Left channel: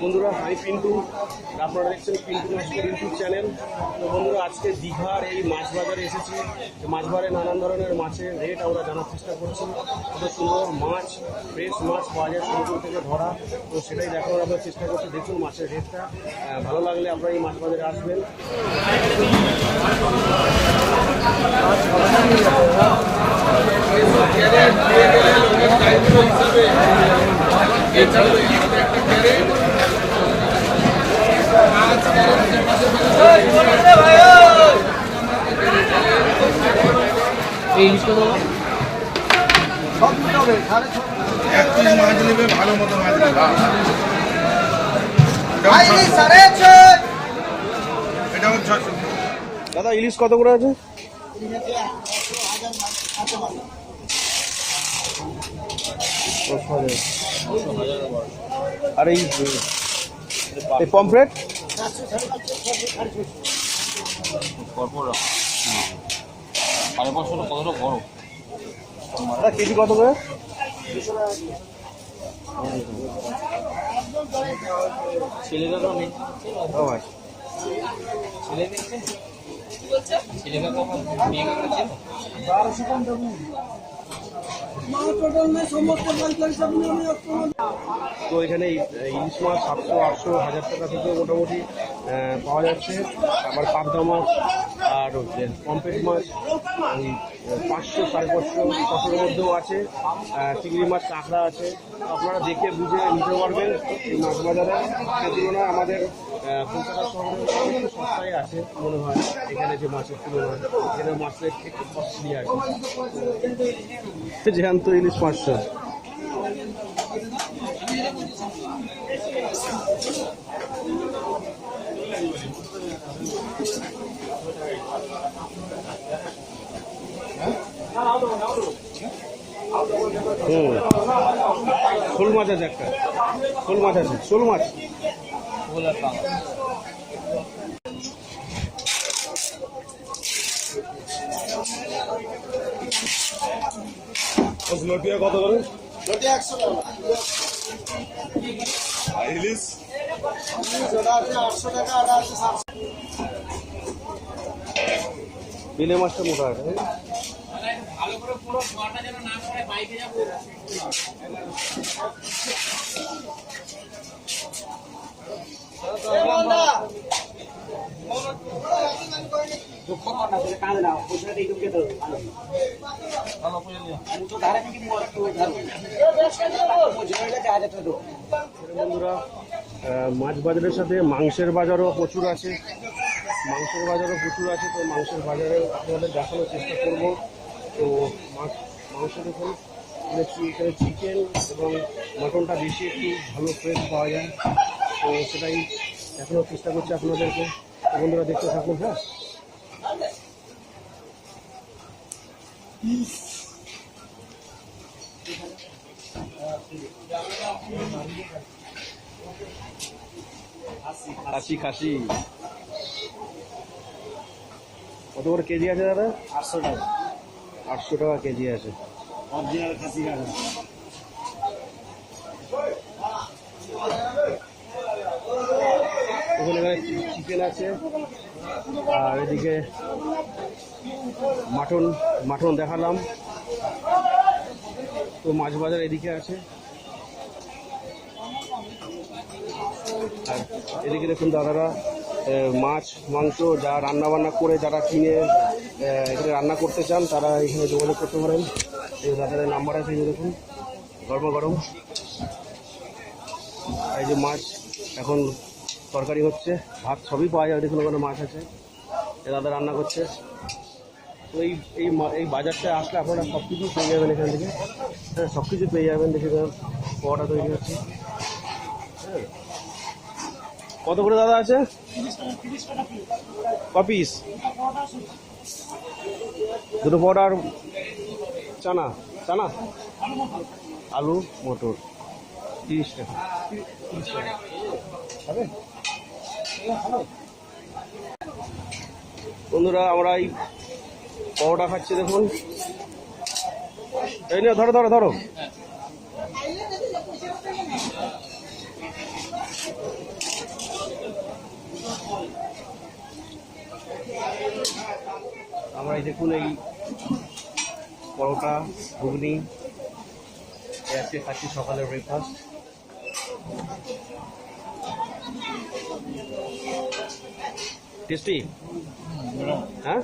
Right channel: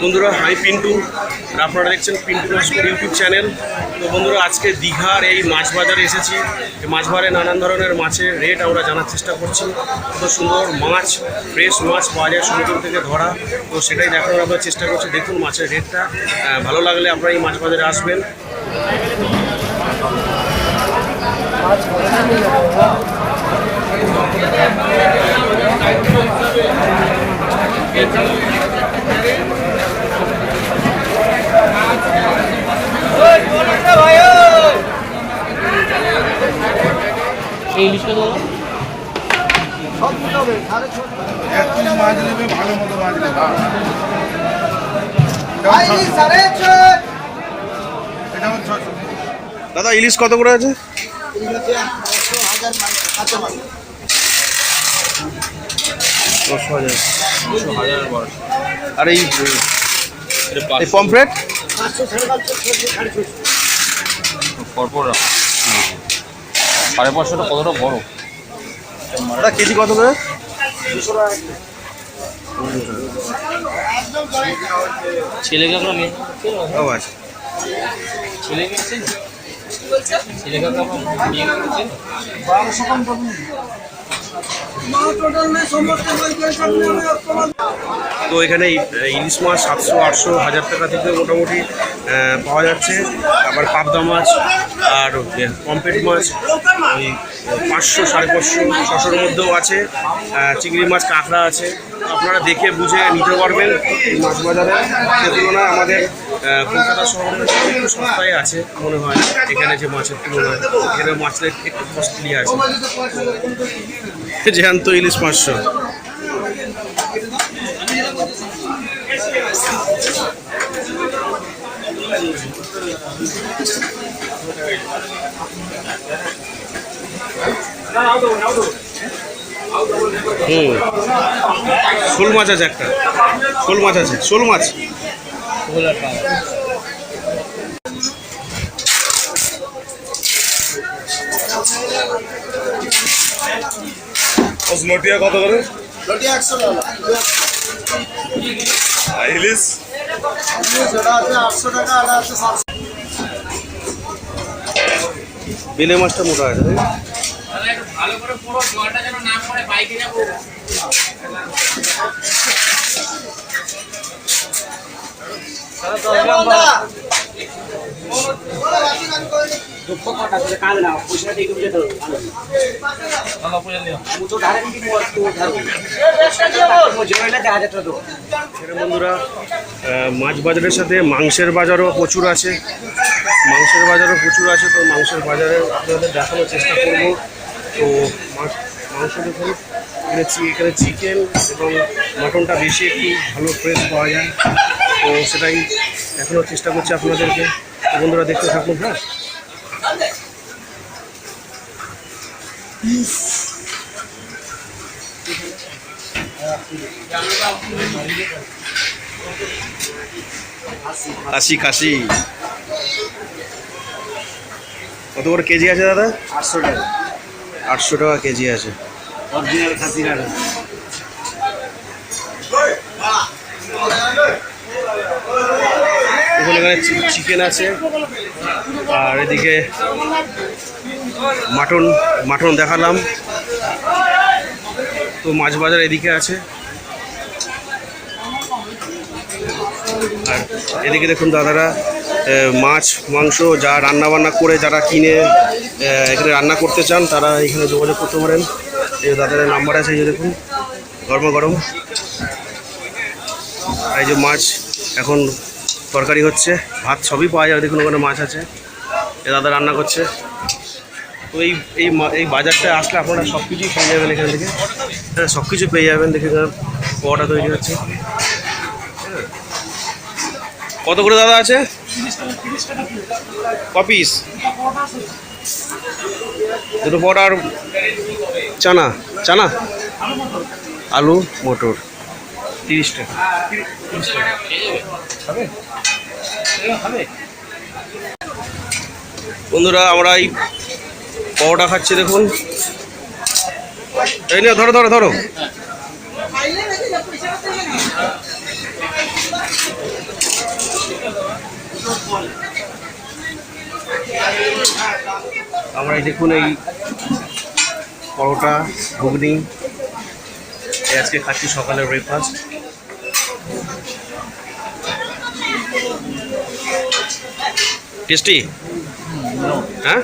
বন্ধুরা আমি পিন্টু, আপনারা দেখছেন পিন্টু নস্কর ইউটিউব চ্যানেল। তো বন্ধুরা আজকে দীঘার এই মাছ বাজারে এসেছি। এই মাছ বাজারে নানান ধরনের মাছের রেট আমরা জানার চেষ্টা করছি। কত সুন্দর মাছ, ফ্রেশ মাছ পাওয়া যায় সমুদ্র থেকে ধরা। তো সেটাই দেখানোর আমরা চেষ্টা করছি। দেখুন মাছের রেটটা, ভালো লাগলে আপনারা এই মাছ বাজারে আসবেন। ইলিশ কত? দাদা ইলিশ কত করে আছে? আর এই পমফ্রেট সাড়ে পাঁচশোটা কতটা বড়? দাদা কেজি কত করে? ছেলেকে আমরা ও আচ্ছা, ছেলেকে তো এখানে ইলিশ মাছ 700, 800, 1000 টাকা থেকে মোটামুটি পাওয়া যাচ্ছে। আবার পাবদা মাছ আর পমফ্রেট মাছ ওই 500, 550, 600-র মধ্যেও আছে। চিংড়ি মাছ, কাঁকড়া আছে। আপনারা দেখে বুঝে নিতে পারবেন এই মাছ বাজারে। সে তুলনায় আমাদের কলকাতা শহরে একটু সস্তায় আছে মনে হয় এখানে, যে মাছের তুলনায় এখানে মাছের একটু কস্টলি আছে। জ্যান্ত ইলিশ 500। শোল মাছ আছে একটা, শোল মাছ আছে, শোল মাছ লটিয়া কত করে? ইলিশ 800 টাকা। বেলে মাছটা মোটা আছে। ভালো করে পুরো জলটা যেন না পড়ে, বাইকে যাবো। বন্ধুরা মাছ বাজারের সাথে মাংসের বাজারও প্রচুর আছে। তো মাংসের বাজারে আপনাদের দেখানোর চেষ্টা করব। তো মাংস দেখুন, এখানে চিকেন এবং মাটনটা বেশি একটু ভালো ফ্রেশ পাওয়া যায়। তো সেটাই দেখানোর চেষ্টা করছি আপনাদেরকে। তো বন্ধুরা দেখতে থাকুন। হ্যাঁ, খাসি কত করে কেজি আছে দাদা? 800 টাকা। 800 টাকা কেজি আছে অরিজিনাল খাসি কাটা। এখানে চিকেন আছে, আর এদিকে মাটন দেখালাম। তো মাছ বাজার এদিকে আছে। আর এদিকে দেখুন দাদারা মাছ মাংস যা রান্নাবান্না করে, যারা কিনে এখানে রান্না করতে চান তারা এখানে যোগাযোগ করতে পারেন। এই দাদাদের নাম্বার আছে, এই যে দেখুন গরম। এই যে মাছ এখন তরকারি হচ্ছে, ভাত সবই পাওয়া যায়। দেখুন ওখানে মাছ আছে, এ দাদা রান্না করছে। তো এই বাজারটা আসলে আপনারা সব কিছুই পেয়ে যাবেন এখান থেকে। হ্যাঁ, সব কিছু পেয়ে যাবেন। দেখে পোয়াটা তৈরি হচ্ছে। হ্যাঁ, কত করে দাদা আছে? ক পিস? দুটো পোয়াটা। আর চানা আলু মটর 30 টাকা। বন্ধুরা আমরা এই পরোটা খাচ্ছি। দেখুন এই নিয়ে ধরো ধরো ধরো। আমরা এই দেখুন এই পরোটা ঘুগনি আজকে খাচ্ছি সকালের ব্রেকফাস্ট। টেস্টি, হ্যাঁ।